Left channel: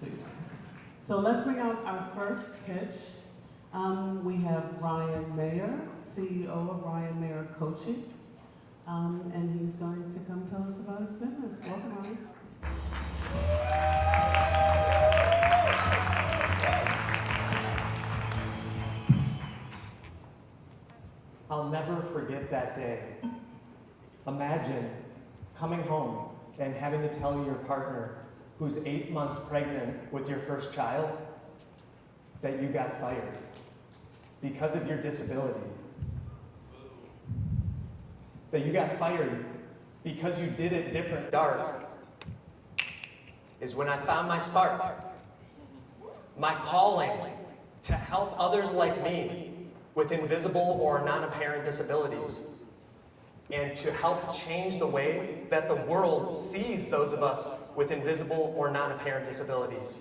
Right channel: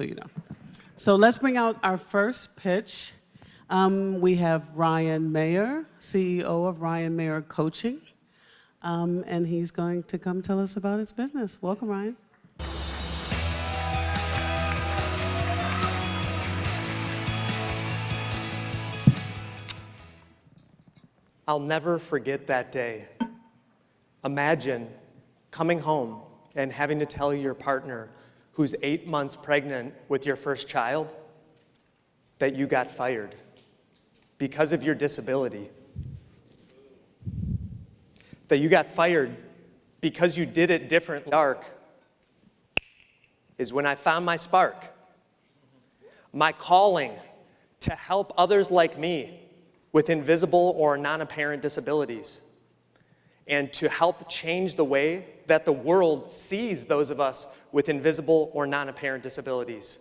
so you know. So let's bring out our first pitch. We have Ryan Mayer, CEO of Ryan Mayer Coaching, and he's going to come tell us about his business. Welcome, Ryan. I'll never forget that day. Imagine coming home and having to tell your partner who's 8 months pregnant with your first child that you got fired because of your disability. That you got fired because you did it differently. Dark is when I found my spark, my calling to help others like me with invisible or non-apparent disabilities, and to help change the way that the world sees those of us with invisible or non-apparent disabilities.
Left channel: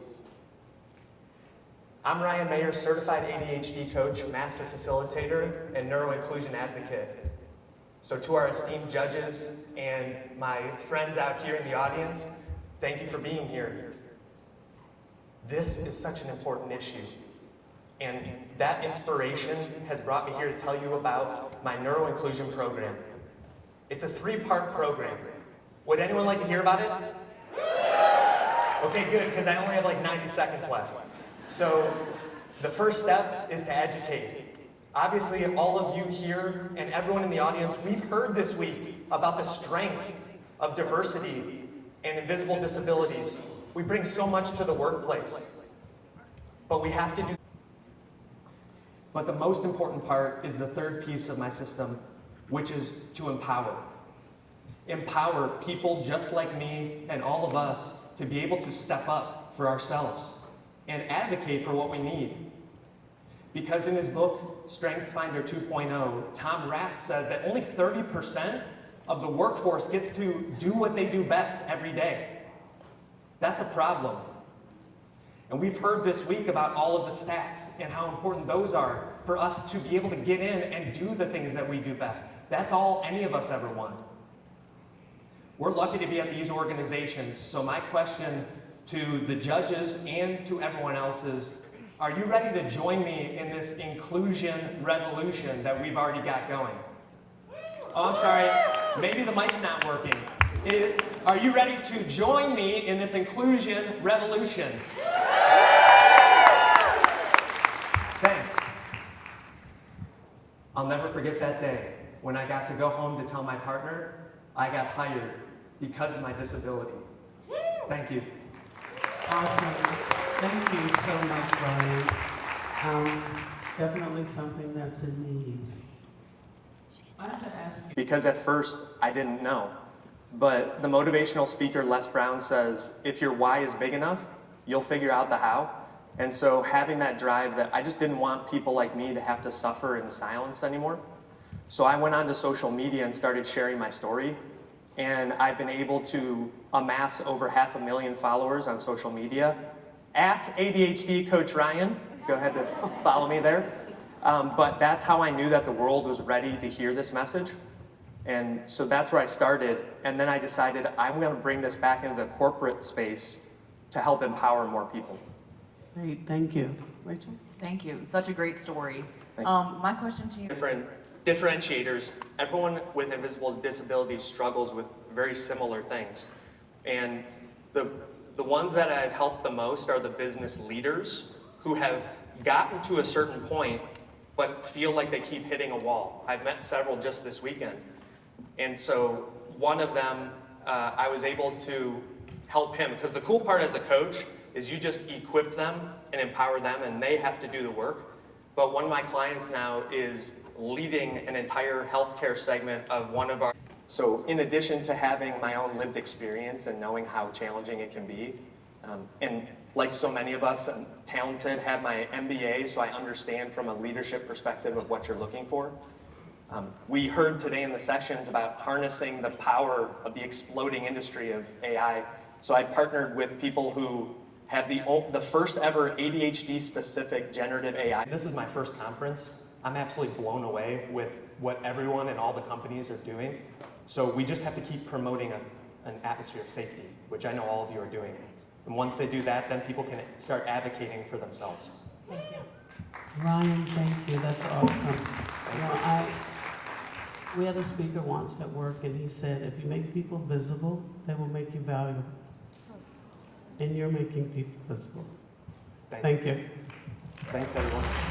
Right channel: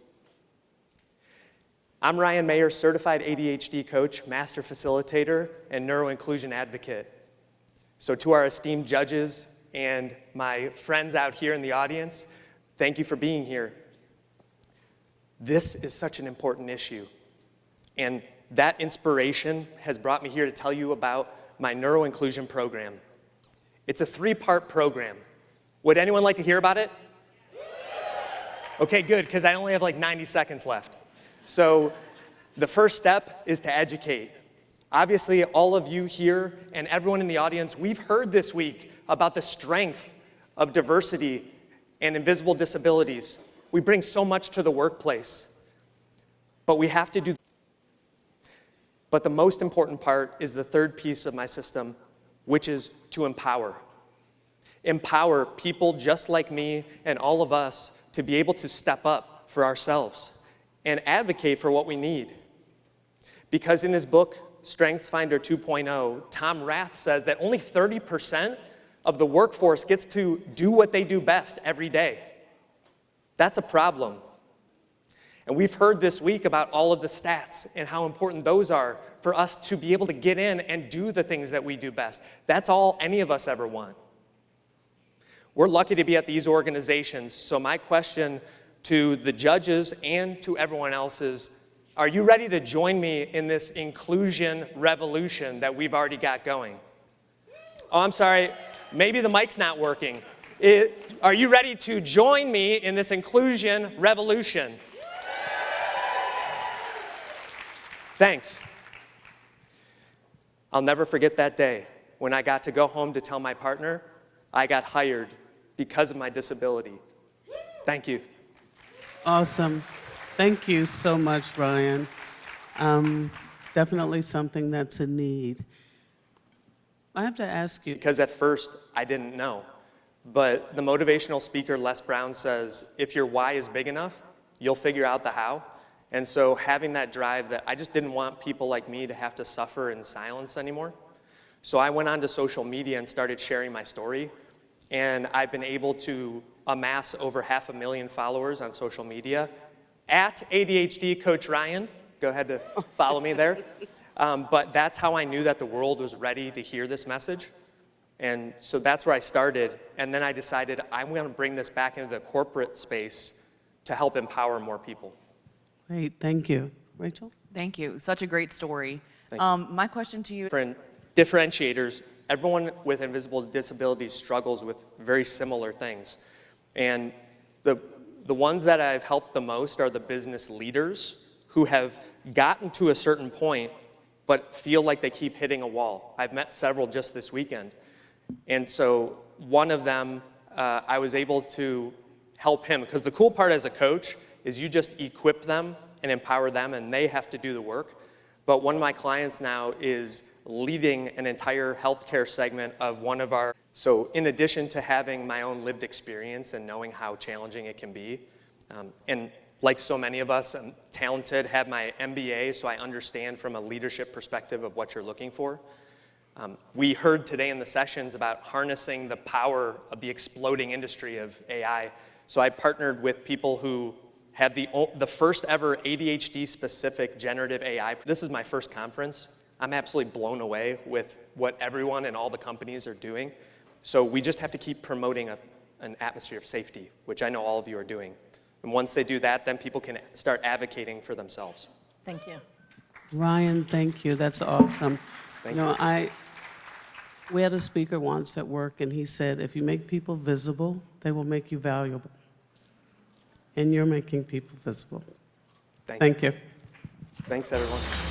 I'm Ryan Mayer, certified ADHD coach, master facilitator, and neuroinclusion advocate. So to our esteemed judges and my friends out here in the audience, thank you for being here. This is such an important issue. And that inspiration has brought me here to tell you about my neuroinclusion program. It's a 3-part program. Would anyone like to hear about it? Okay, good, because I only have like 90 seconds left. So the first step is to educate. Obviously, all of you here and everyone in the audience, we've heard this week about the strength of diversity and invisible disabilities. We bring so much to the workplace, but we have to do. But the most important part is the third piece of my system, which is to empower. Empower people just like me and all of us to be able to step up for ourselves and advocate for what we need. Because in his book, StrengthsFinder 2.0, Tom Rath says that only 30% of the workforce gets to do what they do best every day. That's a problem. And we've heard this week about all of the stats and how important those are for us to be able to get in and do the things that we do best. That's all any of us ever want. We're lucky to be at these organizations. So my question to the judges and to everyone else is, are you ready to join me in this inclusion revolution that we've already got going? Oh, I'm sorry, maybe the mic's not working. Are you ready to join me in this inclusion revolution? Thanks. I'll never forget that day when I got to go home to tell my partner I got hired because of my disability. Thank you. Awesome. Thank you so much, Ryan. Definitely something that's a need. I have to ask you. Because at first I didn't know. But the motivational speaker Les Brown says, if your why is big enough, you'll figure out the how. And so having that drive that I just didn't want people like me to have to suffer in silence anymore. So I went onto social media and started sharing my story. And I've been able to amass over 500,000 followers on social media. At ADHD Coach Ryan, go ahead and follow me there. But that's how I knew that the world was ready to hear this message. And so that's where I started. And then I decided I'm going to bring this back into the corporate space to help empower more people. Great, thank you. Rachel? Thank you. Such a great story. My question to you is... Differentiators. Everyone with invisible disabilities struggles with very similar things. And the ones that I've helped the most are the business leaders who have gotten to a certain point but feel like they keep hitting a wall. I've met several just this weekend. And so one of them, I was able to help him, because the cool part as a coach is you just equip them and empower them and they have to do the work. But one of my clients now is leading an entire healthcare segment of one of our... So in addition to having my own lived experience and knowing how challenging it can be, and like so many of us, I'm talented, have my MBA, so I understand from a leadership perspective of what you're looking for. We heard today in the sessions about harnessing the power of the exploding industry of AI. So I partnered with people who have the first ever ADHD-specific generative AI. This is my first conference. I'm absolutely blown away with what everyone and all the companies are doing. So we just have to keep promoting an atmosphere of safety, which I know all of you are doing. And once they do that, then people can start advocating for themselves. Thank you. Ryan, thank you. That's awesome. You know, we had a speaker once at work, and he said, if you make people visible, they will make you valuable. And you're making people visible. Thank you. Thanks, everyone.